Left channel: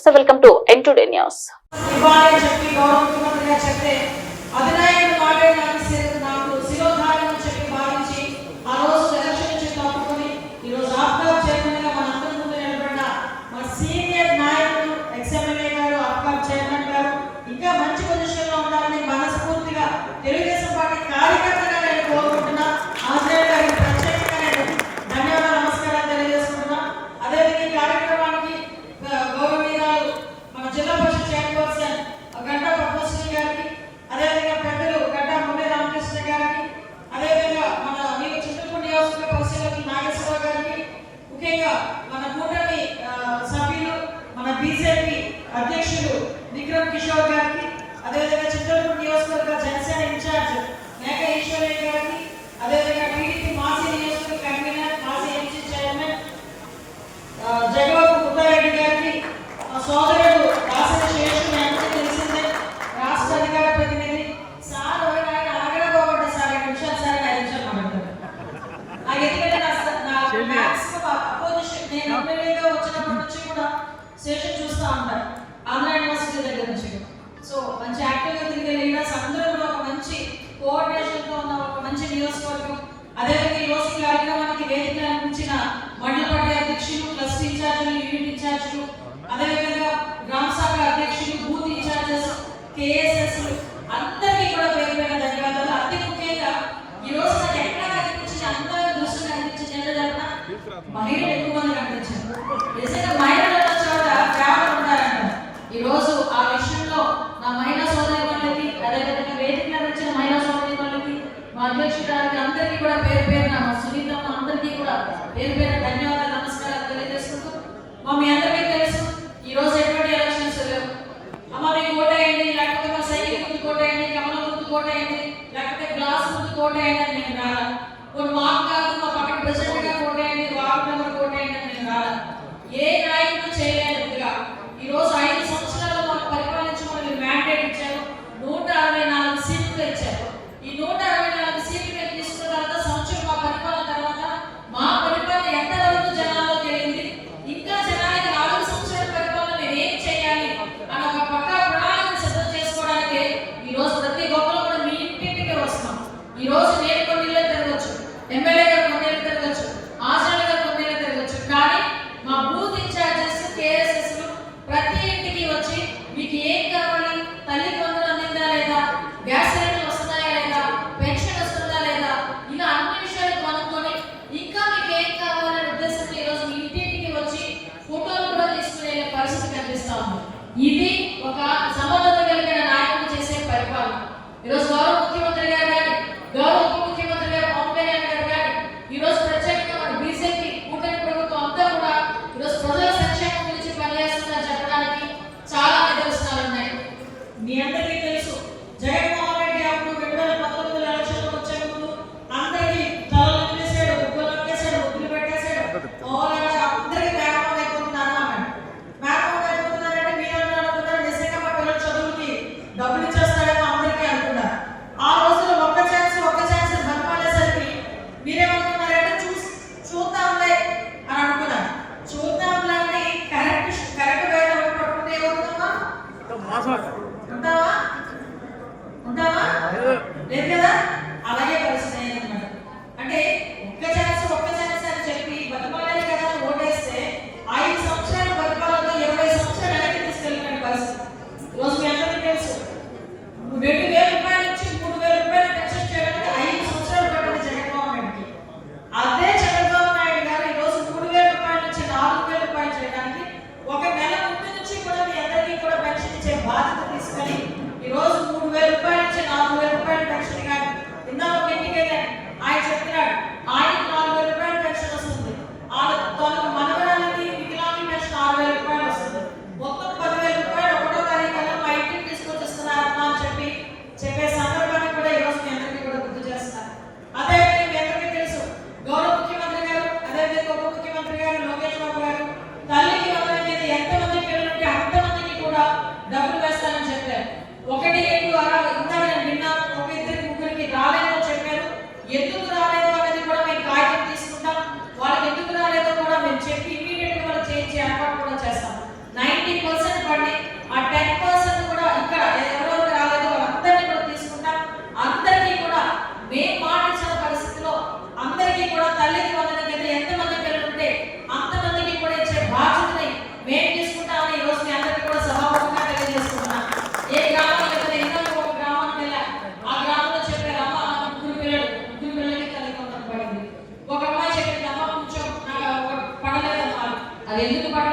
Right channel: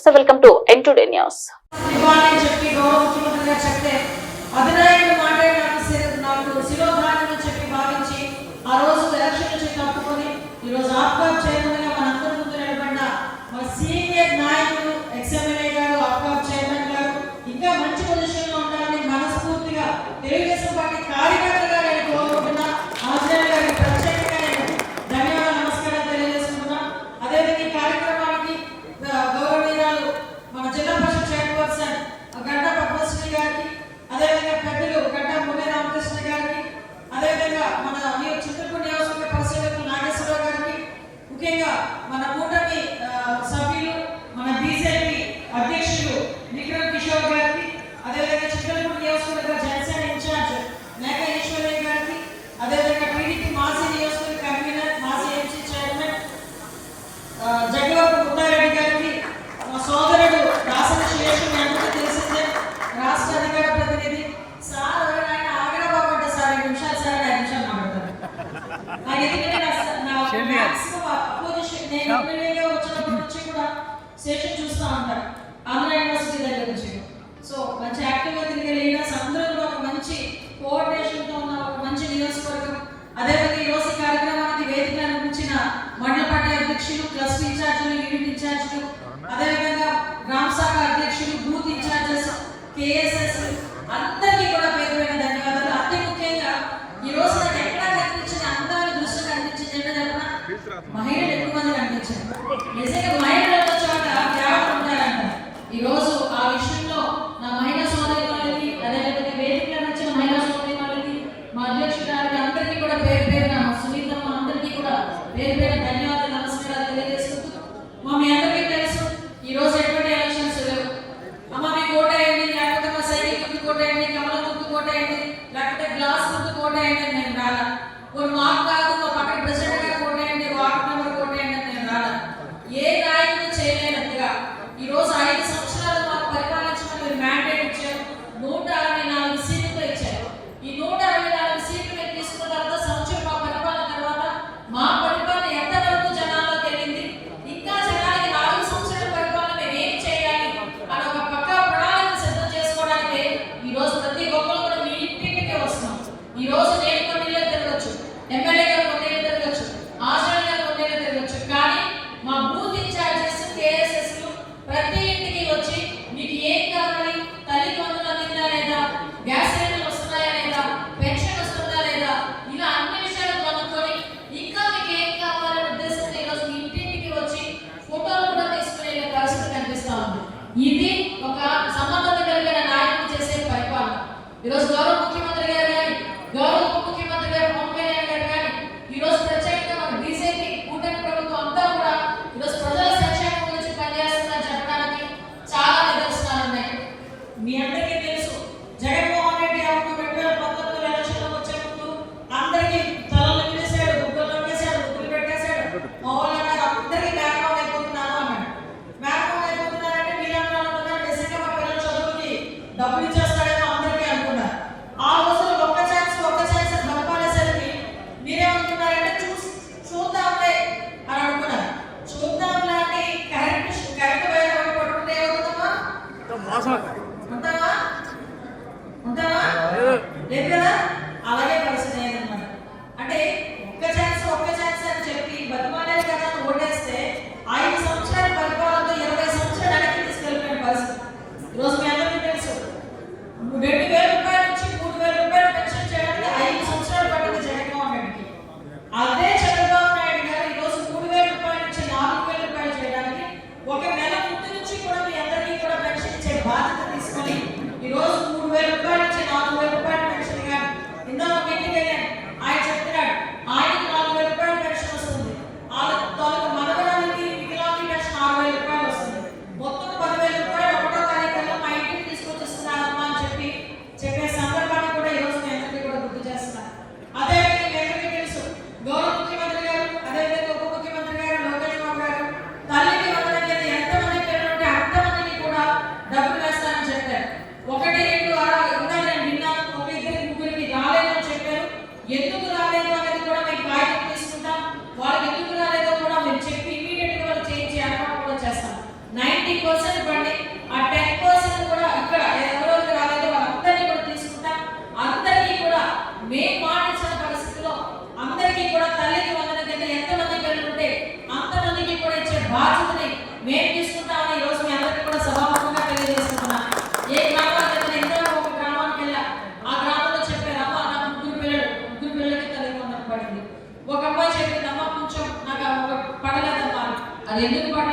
నమస్తే, welcome to N2 news. Session చూస్తూ ఉంటారు ఆంధ్ర యూనివర్సిటీ దగ్గర నుంచి. సో మంచి యాక్టివ్గా తిరిగే లీడర్స్ అందరూ కూడా ఒక మంచి కోఆర్డినేషన్తో ఉన్న ఒక మంచి నియోజకవర్గం. అదేవిధంగా ఈరోజు ఈ కార్యక్రమానికి వేదిక అనిపించిన మండల పార్టీ అధ్యక్షులు, క్లస్టర్ ఇన్ఛార్జీలు, యూనిట్ ఇన్ఛార్జీలు, అదేవిధంగా గ్రామ శాఖ అధ్యక్షులు, బూత్ ఇన్ఛార్జెస్, కేఎస్ఎస్ అందరికీ కూడా పేరు పైన ధన్యవాదాలు. అతి ముఖ్యంగా ఈ రోజు నాకు ఎక్కడ కనిపించింది, అందరూ దృష్టి కనిపించింది అంటే చెప్పిన మహిళలు ఎక్కువ మంది కనిపించారు. నిజంగా మహిళలు ఈ రోజు ఆ విషయంలో నా మహిళా సోదరి వాళ్ళకి, అదేవిధంగా వేదికలో వచ్చిన మహిళా సోదరి వాళ్ళకి, మా అధ్యక్షురాలకి అందరికీ కూడా పేరు పేరున, మా సునీతమ్మ అందరికీ కూడా పేరు పేరు ధన్యవాదాలు, నమస్కారాలు తెలియజేసుకుంటూ, మీ అందరికీ తెలుసు ఈ రోజు ఎటువంటి ఎలక్షన్స్ లేవు. అమ్మ మీకు ఓటేయండి, లేకపోతే మా సైకిల్ ముందు కోటేయండి, కమల ముందు కోటేయండి, లేకపోతే గ్లాస్ ముందు కోటేయండి అని నేను రాలా. కొన్ని మాకు కాదు, మా పక్కన ప్రెసిడెంట్ గా కోటేయండి, వార్డు మెంబర్ కోటేయండి అని నేను రాలా. ఏ నాయకుడు చేయలేనట్టుగా ఈ రోజు 5 సంవత్సరాలు మాకు పరిపాలించమని మ్యాండేట్ ఇచ్చారు. 164 సీట్లు ఇచ్చారు. ఈ 164 సీట్లు మేము తీసుకున్న తర్వాత సంవత్సరం మా పరిపాలన తర్వాత మా పరిపాలన ఎంతవరకు జనాల్లోకి వెళ్ళింది, ఇంకా జనాలకి 4 సంవత్సరాల పరిపాలన మేము ఏం చేయాలి అని ఒక పక్కా ప్రణాళిక సిద్ధం చేసుకోవడానికి ఈ రోజు ప్రతి ఒక్కరు కూడా మీ ఇంటికి వస్తున్నాం. ఈ రోజు నేను కొన్ని ఇళ్ళు తిరగచ్చు, ఎమ్మెల్యే గారు కొన్ని ఇళ్ళు తిరగచ్చు, 90% బండి, ఆ 10% కూడా ఇక్కడ ఎవరెవరు రాలేదు వాళ్ళందరినీ కూడా తీసుకుంటాం. అందరికీ కూడా మేము మాటించిన పరిస్థితిలో అందరికీ కూడా తల్లికి వందనం కింద ఎంతమంది పిల్లలు ఉంటే అంతమందికి కూడా ఇచ్చే బాధ్యతని మేము తీసుకుంటామని ఈ రోజు మీ అందరికీ కూడా సభాముఖంగా తెలియజేస్తున్నాం. ఏ గ్రామానికి వెళ్తే ఇంట్లో ఒక గ్రామానికి వెళ్ళా, ఆ గ్రామంలో చెప్పారు అమ్మ నాకు ముగ్గురు పిల్లలకి తల్లికి వందనం పడింది. ఒక అమ్మాయి చెప్పింది అమ్మ కొంచెం నాకు పడలేదమ్మా. అది ఎందుకు పడలేదు